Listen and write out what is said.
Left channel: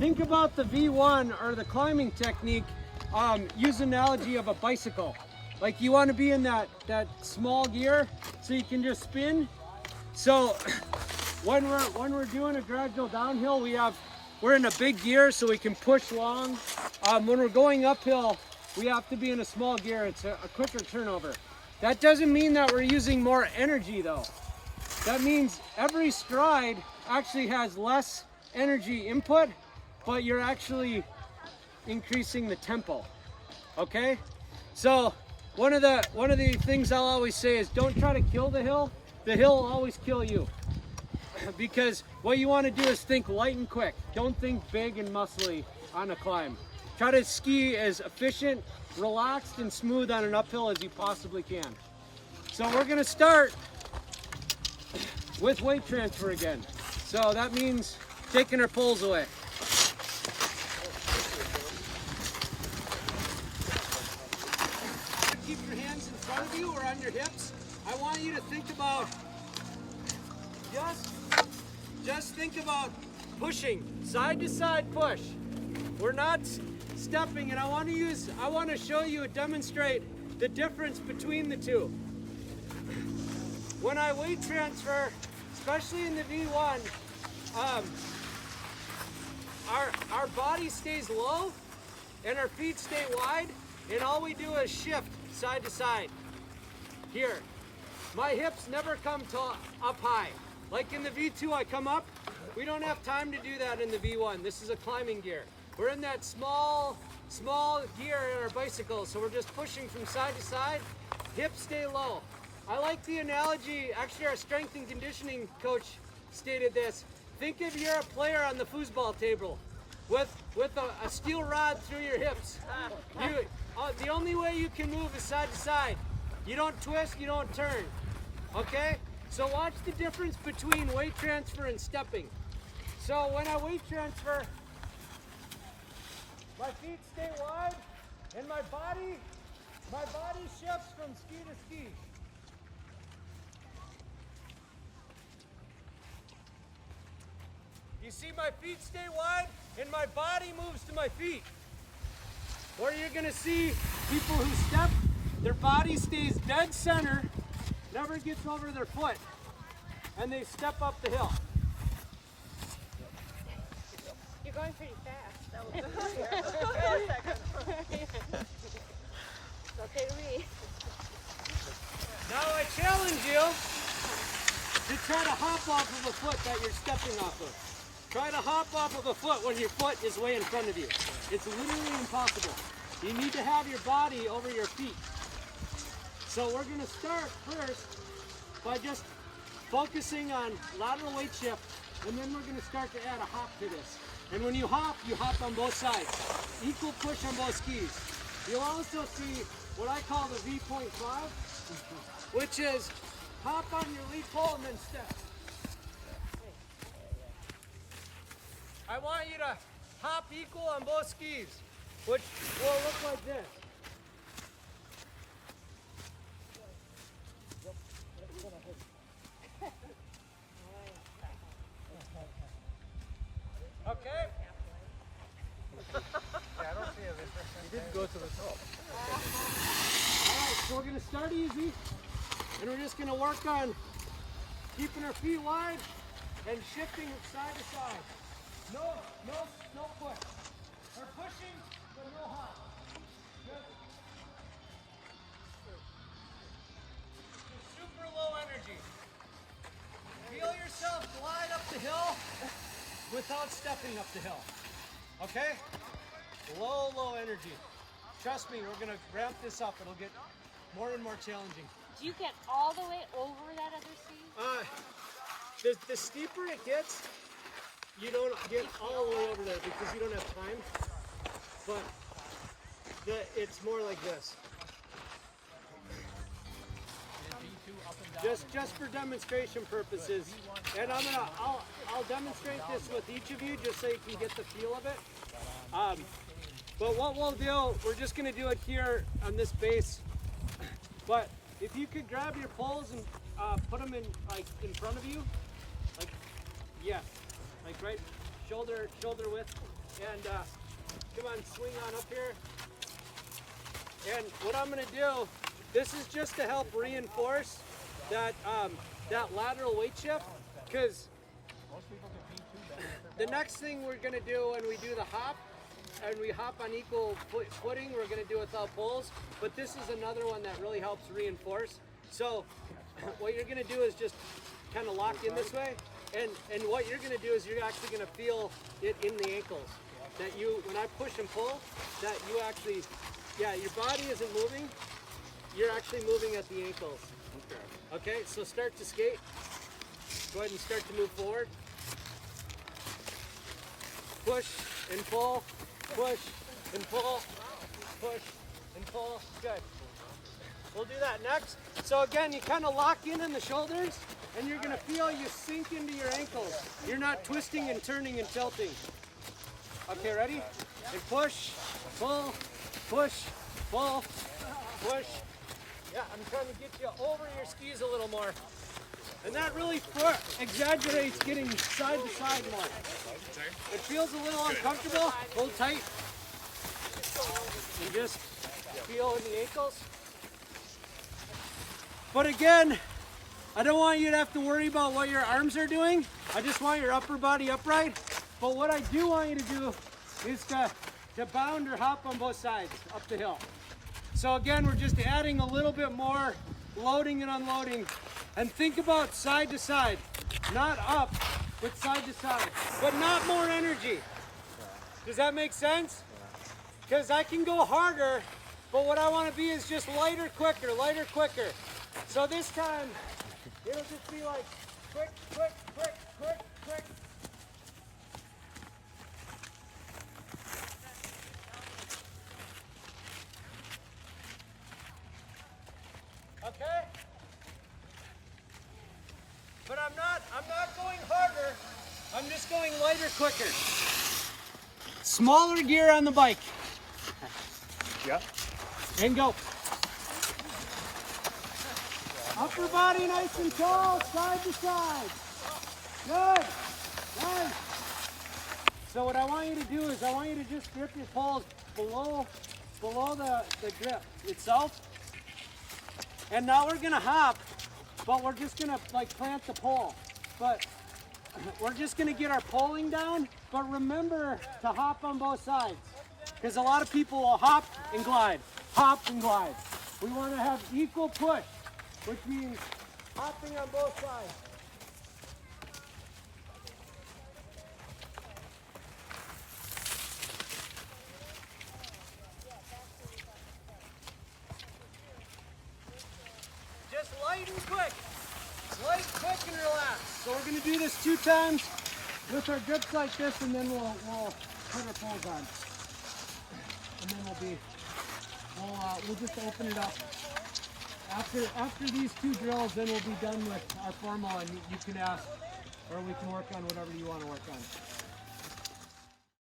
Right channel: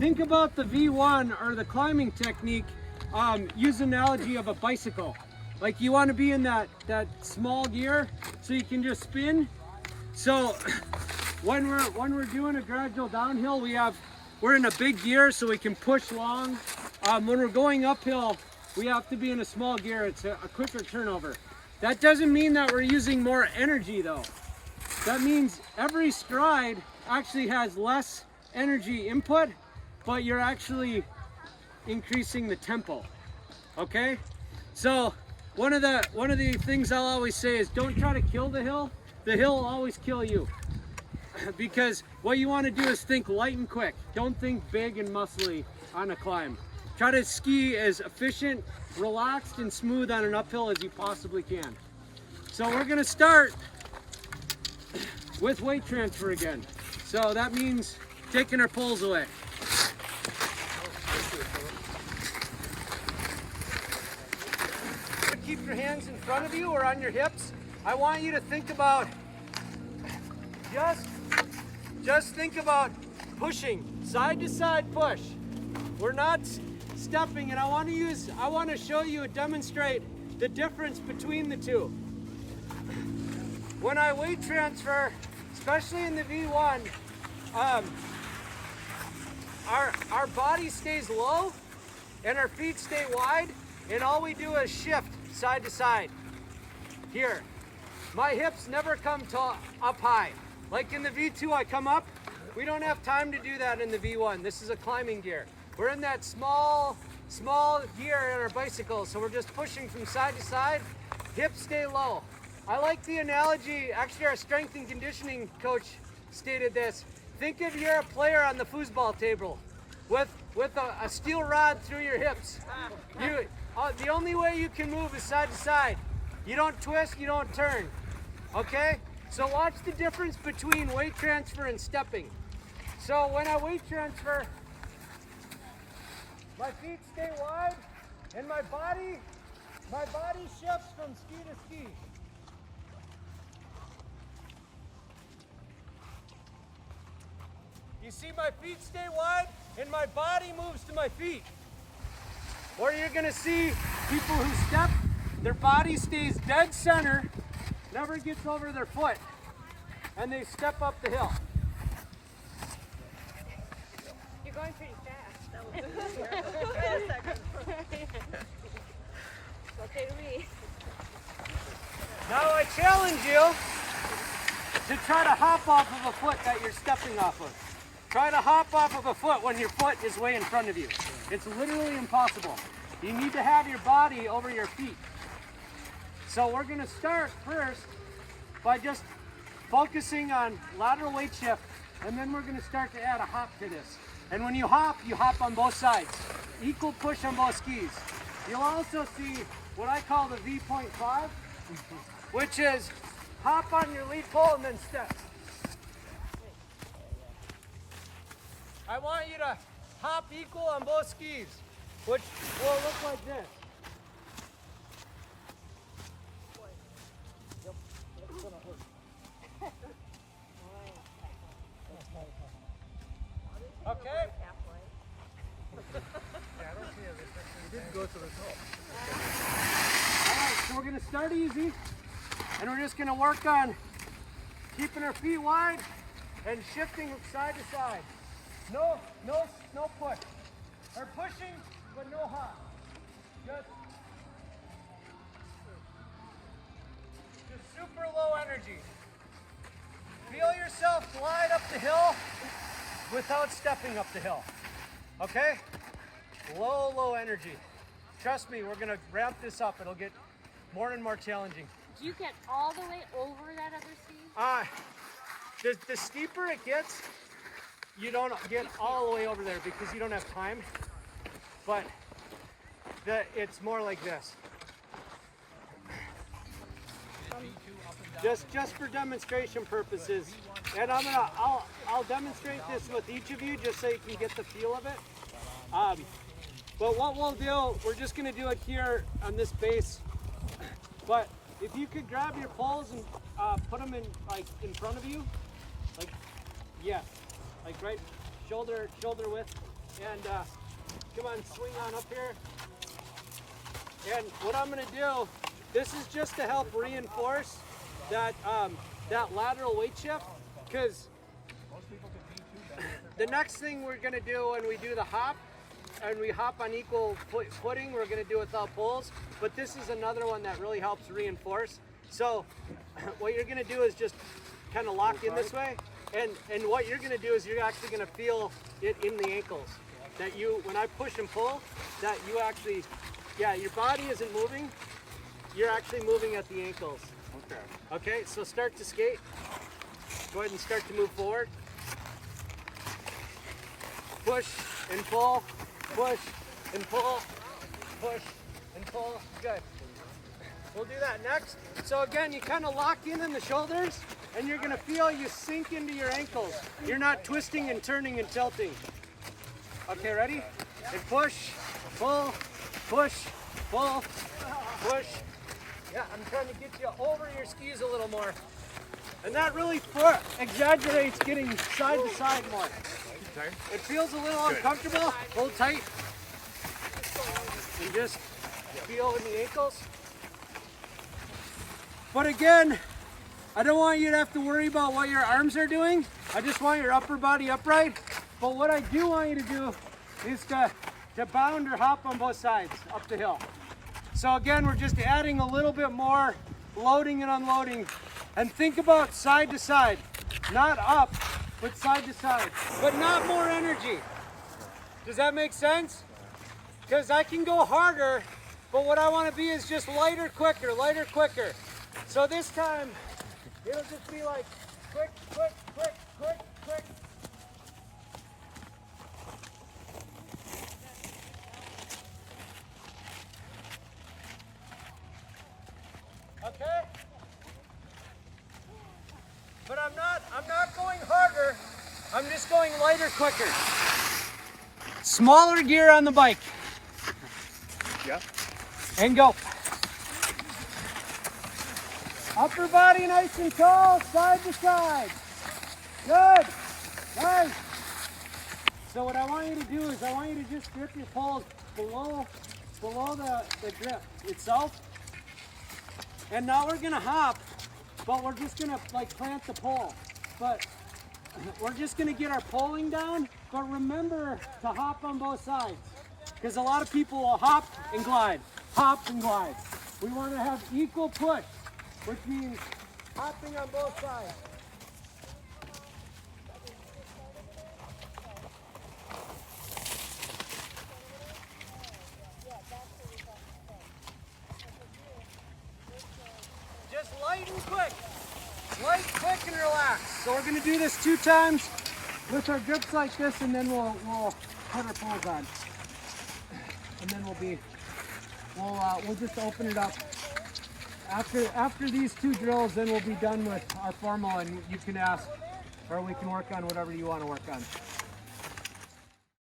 think about the V1 or the climbing technique. Use an analogy of a bicycle. Like you want to be in that small gear so you can just spin. So when we're doing a gradual downhill, we're in a big gear so we can push long. When we're going uphill, we have to be in a small gear. It's a quicker turnover. That doesn't mean that we're using more energy though. That means every stride actually has less energy input, but you're actually increasing the tempo. Okay? So one of the things I'll always say is don't try to kill the hill. The hill will always kill you. Because what you want to do is think light and quick. Don't think big and muscly on a climb. Try to ski as efficient, relaxed, and smooth on an uphill as you possibly can. So we're going to start with weight transfer again. So that means taking our poles away. Keep your hands in front of you or on your hips. I want you to think about just think about pushing, side to side push. We're not stepping, and I want to show you and demonstrate the difference between the two. When I weight transfer, especially in the V1, our body stays low and our feet stay wide, and all we do is shift side to side. Here, my hips never come up high. Like in the V2, I come up. We don't have time to do that in the V1. This is a climbing gear. We're in that small gear in our bicycle, so we're just pushing from side to side. Hips stay low. I like the analogy, actually our strength and conditioning coach stated this. Think if you're a player on the foosball table with a steel rod through your hips. The only way you can move is side to side. You don't twist, you don't turn, okay? So watch the difference between weight transfer and stepping. So when I weight transfer, my feet stay wide and my body shifts from ski to ski. You see my feet stay wide and my body moves to my feet. Or you're gonna see people who step, their body stays dead center, never gets over their foot, and they step up the hill. You're going pretty fast. Okay to me. Now I challenge you to try to hop off of a foot that you're stepping off of. Try to hop off of a foot when your foot is way in front of you. It's literally impossible. You need to have your body over your feet. So we're going to start first by just focusing on lateral weight shift, and then we're going to start to add a hop to this. And when you hop on both sides. Equal push on both skis. You'll also see what I call the V.5, which is hop on your lead pole and then step. I want you to hop equal on both skis, which will look like this. Okay? Alright, so we're going to start easy, and we're just going to work on keeping our feet wide and shifting side to side. No push. Or pushing, but no hop. Just super low energy. Feel yourself glide up the hill without stepping up the hill. Okay? Low energy. Trust me, we're gonna ramp this up. It'll get more and more challenging. Do you get all the way over that other ski? The steeper it gets, you don't get all the way over there because you don't have time. But it's more like this. Just for demonstration purposes, and I'll demonstrate this with each of you just so you can get the feel of it. But what we'll do, we're just going to do it here on this base. But if you could grab your poles and put them in front of you, like right shoulder width. And come on, swing on up here. And what I'm gonna do, this is just to help reinforce that, that lateral weight shift, because the next thing we're gonna do when we do the hop, and we hop on equal footing, we're gonna do it without poles, but this is another one that really helps reinforce. So what you're gonna do is just kind of lock in this way, and what you're gonna do is you're actually gonna feel it in the ankles. That you, when I push and pull, that you actually, yeah, your body isn't moving, you're actually moving at the ankles. Okay. Okay, so start to skate. Go ahead and start to move forward. Push and pull, push and pull, push and pull. Good. We'll do that next. So again, you kind of lock in the shoulders, and you're gonna feel you sink into your ankles. You're not twisting and turning and tilting. Okay, ready? And push, pull, push, pull, push. Yeah, I'm trying to get you over your skis a little more. And that really exaggerates getting side to side more. It feels a little uncomfortable. Hold tight. And just feel in the ankles. But again, I don't want you to have to worry about what your arms are doing. I just want your upper body upright. But what I do want you to do is to bound or hop on both sides up the hill. So again, we're just adding a little bit more loading and unloading. And think about side to side, not up, but side to side, but not more energy. Does that make sense? Because I can go harder, but what I want to be is just lighter, quicker, lighter, quicker. So this time, it'll just be like quick, quick, quick, quick, quick. Okay? But I'm not going harder. I'm just going lighter, quicker. Smaller gear on the bike. Yeah. And go. Upper body nice and tall, side to side. Good. Nice. So what I want you to do is I want you to just grip your poles below the grip itself. And now we're gonna hop, but we're just gonna like plant the pole. But we're just gonna get our poling down, but remember to hop on both sides. Because a lot of people will hop and glide, hop and glide. We wanna have equal push, which means hopping on both sides. Just light and quick. Light, quick, and relax. So we're gonna do this 2 times with our grips like this, and then we'll put our poles on. And then we'll just open it up. After these 2 drills, then we'll be done with our formal, and you can ask, or we can work on whatever you want to work on.